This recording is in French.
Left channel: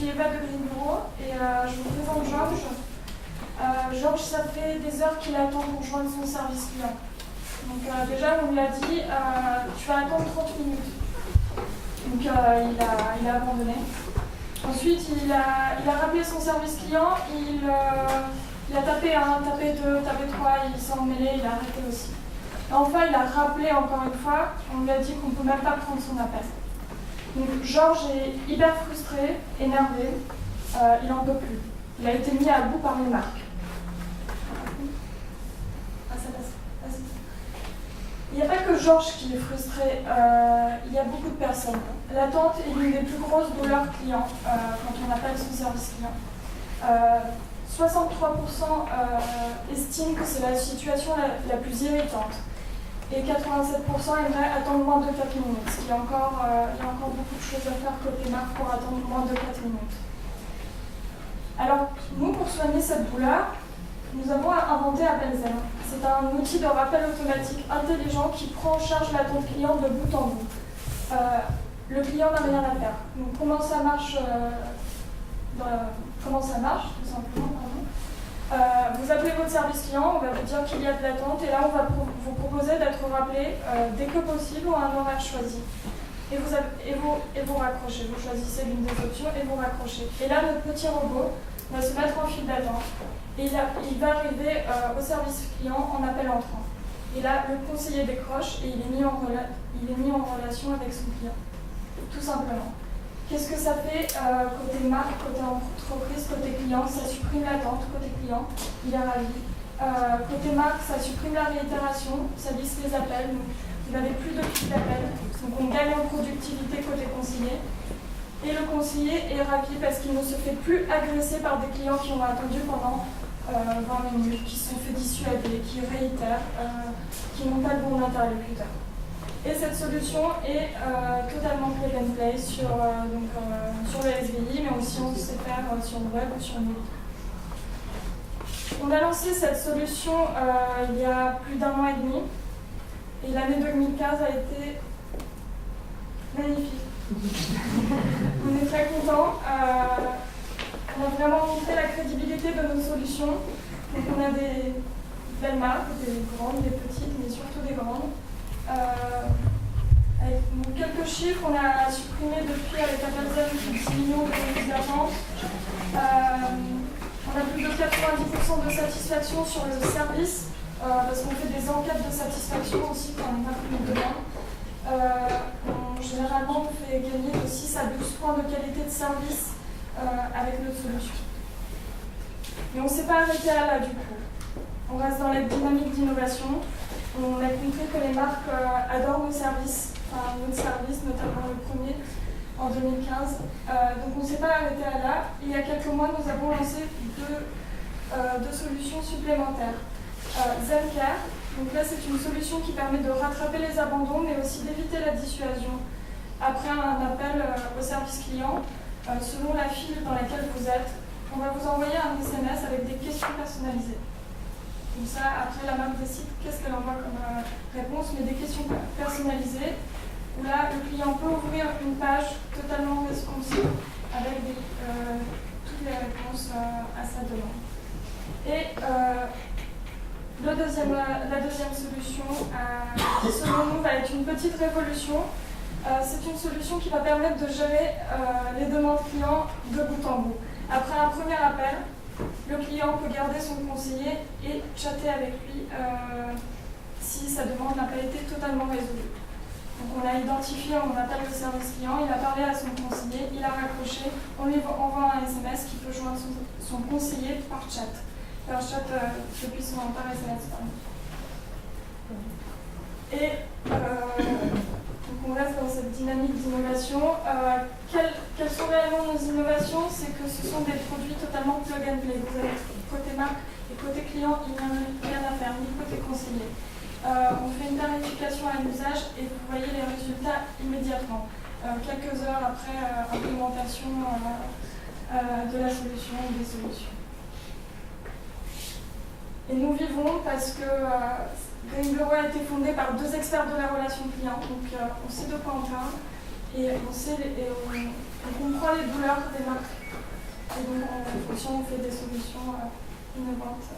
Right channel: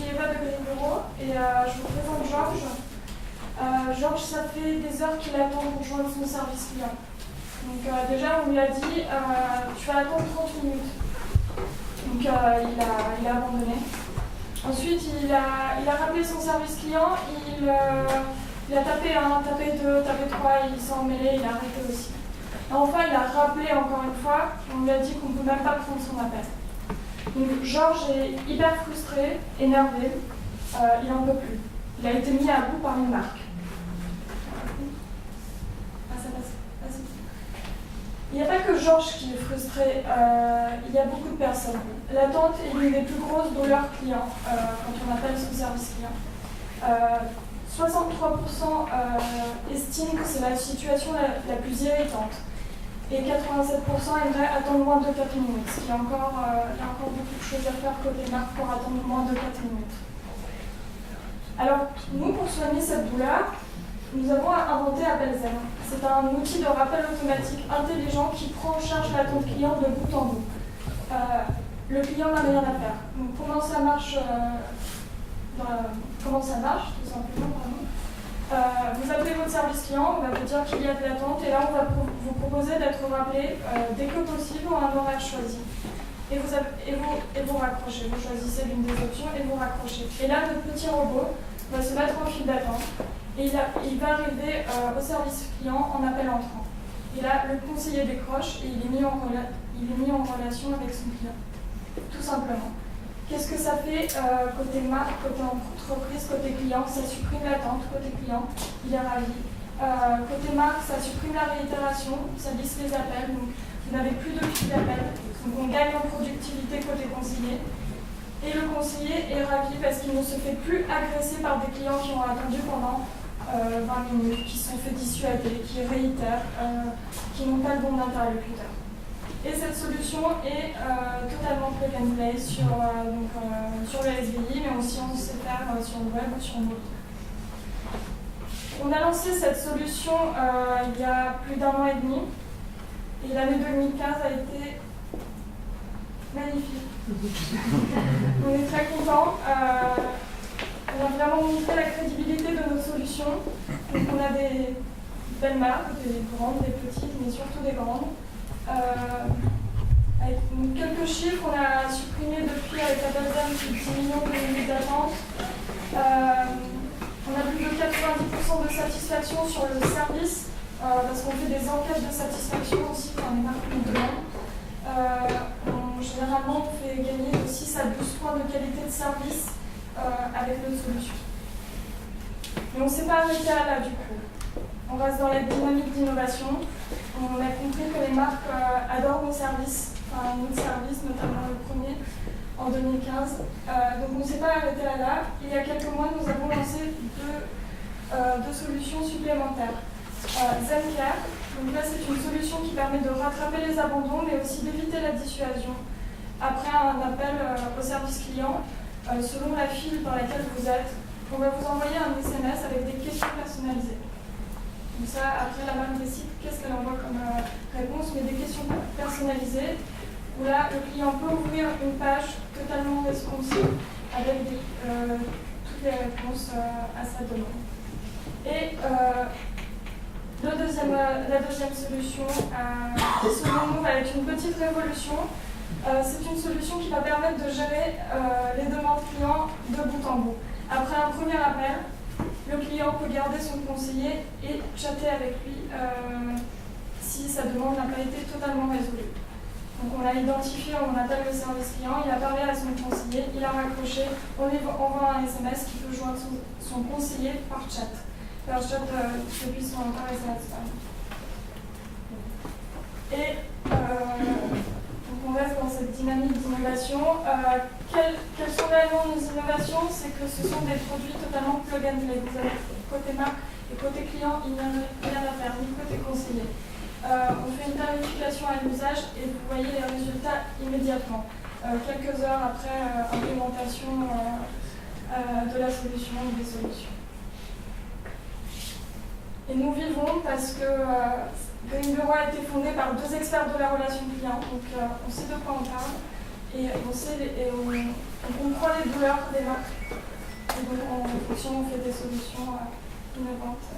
suis Eva de Green Bureau et je vous présente Georges. Georges, ça fait des heures qu'il attend pour joindre son service client. Donc déjà, on lui a dit, tu vas attendre 30 minutes. Donc il a abandonné. Ensuite, il a rappelé son service client, il a tapé 1, tapé 2, tapé 3, il s'est emmêlé, il a arrêté aussi. Et enfin, il a rappelé encore une fois, on lui a dit qu'on ne peut même pas prendre son appel. Donc Georges est hyper frustré, énervé, il n'en peut plus. Il a été mis à bout par les marques. Ah, ça passe. Vas-y. Il n'y a pas que Georges qui est frustré, il y a beaucoup de personnes. L'attente est l'une des plus grosses douleurs clients quand on appelle son service client. 63% estiment que c'est la situation la plus irritante. Et 87% aimeraient attendre moins de 4 minutes. Il y a encore beaucoup de choses à faire côté marque pour attendre moins de 4 minutes. Alors, nous, pour soigner cette douleur, nous avons inventé AppelZen. C'est un outil de rappel automatique intelligent qui prend en charge l'attente client de bout en bout. Le client n'a rien à faire. Donc, comment ça marche, tout simplement, pardon. Vous appelez votre service client, on va vous dire qu'il y a de l'attente et là on va vous proposer d'être rappelé dès que possible ou à un horaire choisi. Et vous raccrochez, vous choisissez l'une des options et vous raccrochez. Et là notre petit robot va se mettre en file d'attente et il va arriver au service client en appel entrant. Et là le conseiller décroche et il est mis en relation avec son client, tout simplement. Qu'est-ce que ça fait côté marque, côté entreprise, côté client? Ça supprime l'attente, côté client, il est ravi. Côté marque, ça supprime la réitération, ça lisse les appels, donc vous n'avez plus de fil d'appel. Donc on gagne en productivité côté conseiller. Et le conseiller est ravi parce qu'il ne se fait plus agresser par des clients qui ont attendu pendant 20 minutes, qui se sont fait dissuader, qui réitèrent, qui n'ont pas le bon interlocuteur. Et cette solution est totalement plug and play sur le SVI, mais aussi on sait faire sur le web ou sur mobile. On a lancé cette solution il y a plus d'1 an et demi, et l'année 2015 a été magnifique. On est très contents. On a vraiment montré la crédibilité de nos solutions. Donc on a des belles marques, des grandes, des petites, mais surtout des grandes. Avec quelques chiffres, on a supprimé depuis avec AppelZen plus de 10 millions de minutes d'attente. On a plus de 90% de satisfaction sur le service, parce qu'on fait des enquêtes de satisfaction aussi quand les marques nous demandent. Généralement, on fait gagner de 6 à 12 points de qualité de service avec notre solution. Mais on ne s'est pas arrêté à là du coup. On reste dans la dynamique d'innovation. On a compris que les marques adorent nos services, enfin notre service, notamment le premier en 2015. Donc on ne s'est pas arrêté à là. Il y a quelques mois, nous avons lancé deux solutions supplémentaires. ZenCare, donc là c'est une solution qui permet de rattraper les abandons, mais aussi d'éviter la dissuasion. Après un appel au service client, selon la file dans laquelle vous êtes, on va vous envoyer un SMS avec des questions personnalisées. Donc ça, après la marque décide qu'est-ce qu'elle envoie comme réponse, mais des questions personnalisées, où là, le client peut ouvrir une page totalement responsive avec toutes les réponses à sa demande. Et la deuxième solution, qui selon nous va être une petite révolution, c'est une solution qui va permettre de gérer les demandes clients de bout en bout. Après un premier appel, le client peut garder son conseiller et chatter avec lui si sa demande n'a pas été totalement résolue. Donc on l'a identifié, on appelle le service client, il a parlé à son conseiller, il a raccroché, on lui envoie un SMS qui peut joindre son conseiller par chat. Depuis par SMS. Et donc on reste dans cette dynamique d'innovation. Quelles sont réellement nos innovations? C'est que ce sont des produits totalement plug and play. Vous avez côté marque et côté client, il n'y a rien à faire, ni côté conseiller. On fait une tarification à l'usage et vous voyez les résultats immédiatement, quelques heures après implémentation de la solution ou des solutions. Et nous vivons parce que Green Bureau a été fondé par 2 experts de la relation client, donc on sait de quoi on parle. Et on comprend les douleurs des marques. Et donc, en fonction, on fait des solutions innovantes.